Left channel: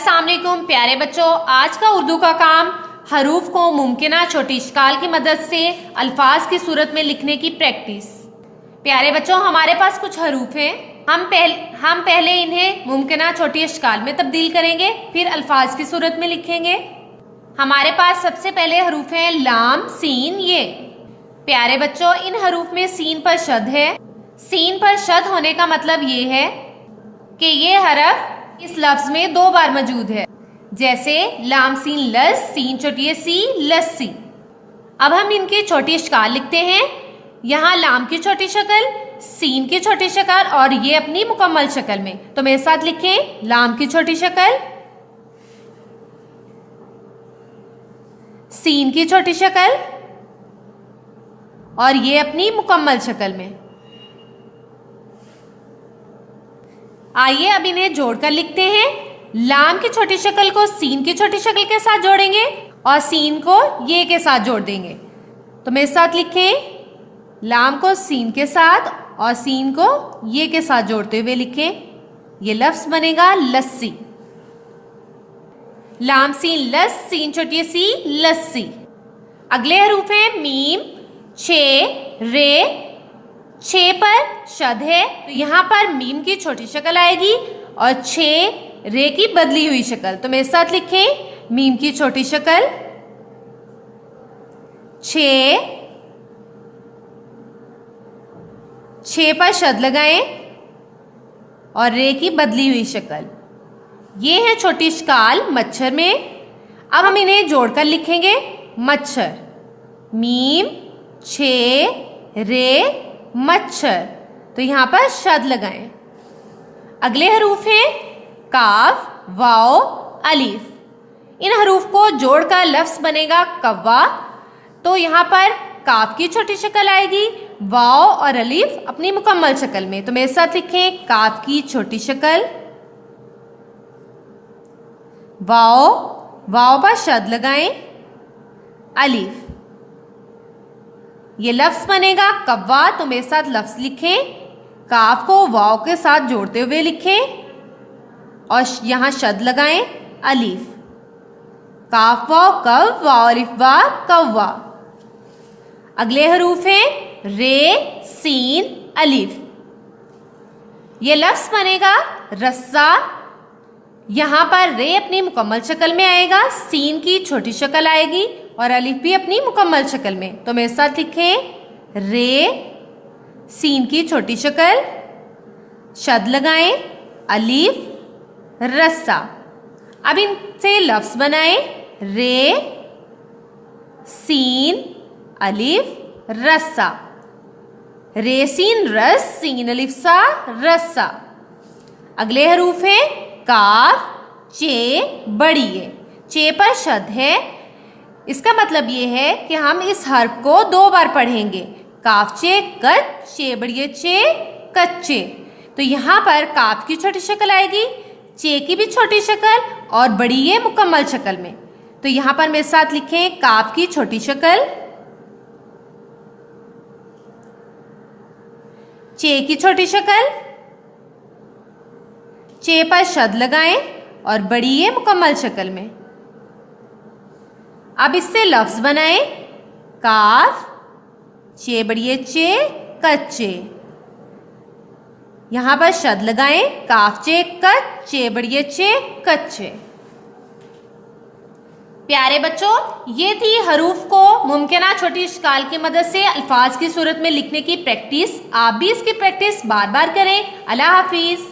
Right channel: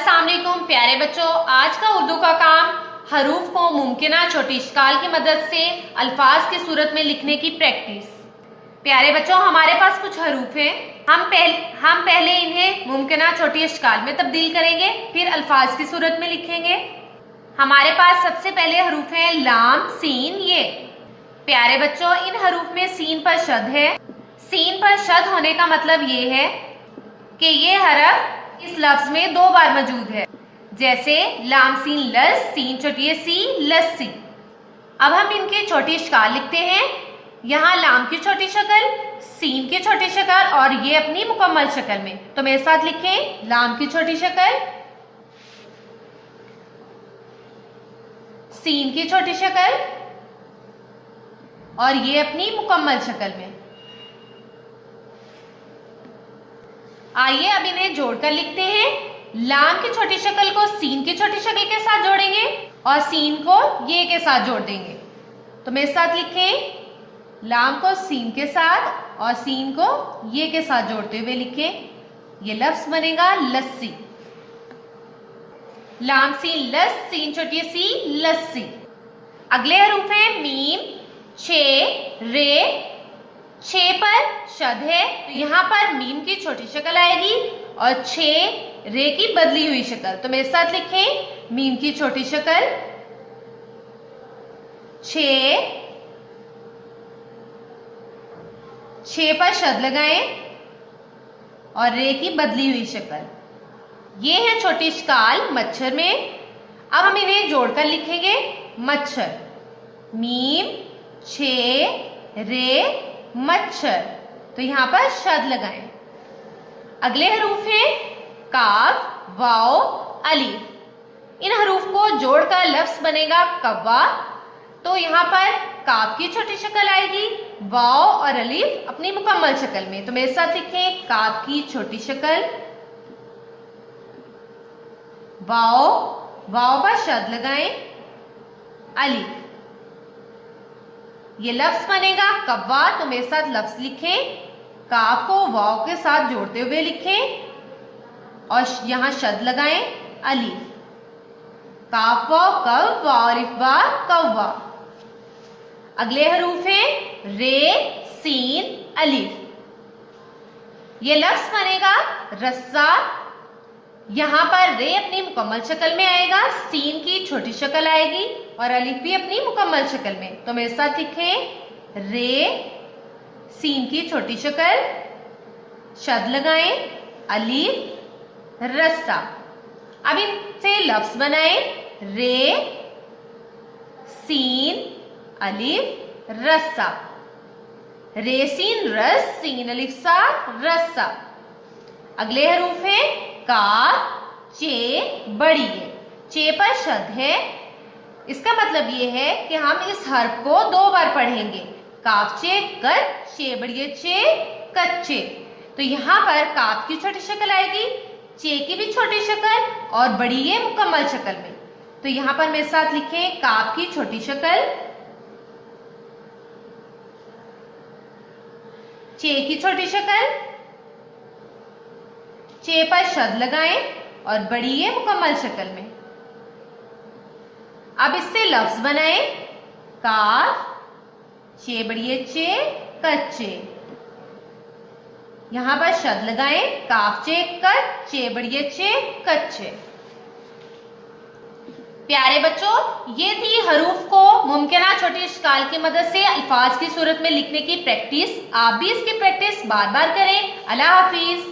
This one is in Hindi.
अस्सलाम वालेकुम प्यारे बच्चों, आज का उर्दू का काम हरूफ को मुमकिना छोटी इश्काल की मदद से अल्फाज की सूरत में लिखने की प्रैक्टिस। प्यारे बच्चों, हमारे पास कुछ हरूफ हैं। हम पहले इन्हें मुमकिना छोटी इश्काल में तब्दील करेंगे, फिर अल्फाज की सूरत में लिखेंगे। हमारे पास सबसे पहले हरूफ हैं लाम, सीन, ये। प्यारे बच्चों, इन हरूफ में सीन पर शद है। सीन पर शद होने का मतलब ये है कि ये हरफ इस लफ्ज में 2 बार मौजूद है, जैसे लाम सीन लस, सीन छोटी सी, लस्सी। अब हम इनकी छोटी इश्काल लिखते हैं। यहाँ लाम की छोटी शक्ल, सीन की छोटी शक्ल और ये अपनी मुकम्मल शक्ल में। तो मेरे साथ लिखें, लाम की छोटी शक्ल, सीन की छोटी शक्ल और ये अपनी मुकम्मल शक्ल में। आइए अब इन्हें जोड़कर लिखते हैं। लाम की छोटी शक्ल को सीन की छोटी शक्ल के साथ जोड़ेंगे और सीन को ये के साथ जोड़ देंगे। तो मेरे साथ लिखें, लाम को सीन के साथ और सीन को ये के साथ जोड़ते हुए लिखें। ये लफ्ज बनेगा लस्सी। लाम सीन लस, सीन छोटी सी, लस्सी। अगले हरूफ हैं मीम, छे, रे। छे पर शद है, तो यहाँ पर मीम की छोटी शक्ल आएगी और छे रे की बदली हुई शक्ल। तो मेरे साथ लिखें, मीम की छोटी शक्ल, छे पर शद लगाएं और रे की बदली हुई शक्ल। ये है छोटी इश्काल मच्छर में। अब हम इन्हें जोड़कर लिखेंगे, मच्छर, मीम, छे, रे, मच्छर। तो यहाँ पर शद लगाएं। अगले हरूफ हैं काफ, वाओ, अलीफ। इन हरूफ को जोड़कर लफ्ज बनेगा कव्वा। तो यहाँ पर काफ की छोटी शक्ल आएगी, वाओ और अलीफ अपनी मुकम्मल शक्ल में। तो मेरे साथ लिखें, काफ की छोटी शक्ल, वाओ, वाओ पर शद लगाएं, अलीफ। ये लफ्ज बनेगा कव्वा। तो मेरे साथ लफ्ज लिखें, काफ को वाव के साथ जोड़ते हुए लिखें और यहाँ शद लगाएं, अलीफ। काफ वाव कव, वाव अलिफ वा, कव्वा। अगले हरूफ हैं रे, सीन, अलीफ। ये लफ्ज बनेगा रस्सा। यहाँ पर रे अपनी मुकम्मल शक्ल में आएगा, सीन की छोटी शक्ल आएगी और अलीफ भी अपनी मुकम्मल शक्ल में। तो मेरे साथ लिखें, रे, सीन की छोटी शक्ल, शद लगाएं, अलीफ, रस्सा। अब इनसे लफ्ज बनाएं, रे, सीन, अलीफ, रस्सा। रे सीन रस, सीन अलीफ सा, रस्सा। अगले हरूफ हैं काफ, चे, बड़ी है। चे पर शद है। इसका मतलब ये है कि हम इस हर्फ को 2 बार पढ़ेंगे, काफ चे कच, चे बड़िए चे, कच्चे। तो यहाँ पर काफ की छोटी शक्ल आएगी, चे की भी छोटी शक्ल और बड़ी ये मुकम्मल शक्ल में। तो यहाँ पर मेरे साथ लिखें, काफ की छोटी शक्ल, चे की छोटी शक्ल, चे पर शद लगाएं और बड़ी ये मुकम्मल शक्ल में। अब इससे लफ्ज बनाएं, काफ, चे बड़िए चे, कच्चे। यहां पर शद लगाएं, काफ चे कच, चे बड़िए चे, कच्चे। प्यारे बच्चों, ये थी हरूफ को मुमकिना छोटी इश्काल की मदद से अल्फाज की सूरत में लिखने की प्रैक्टिस। आप भी इसकी प्रैक्टिस बार बार करें। अल्लाह हाफिज।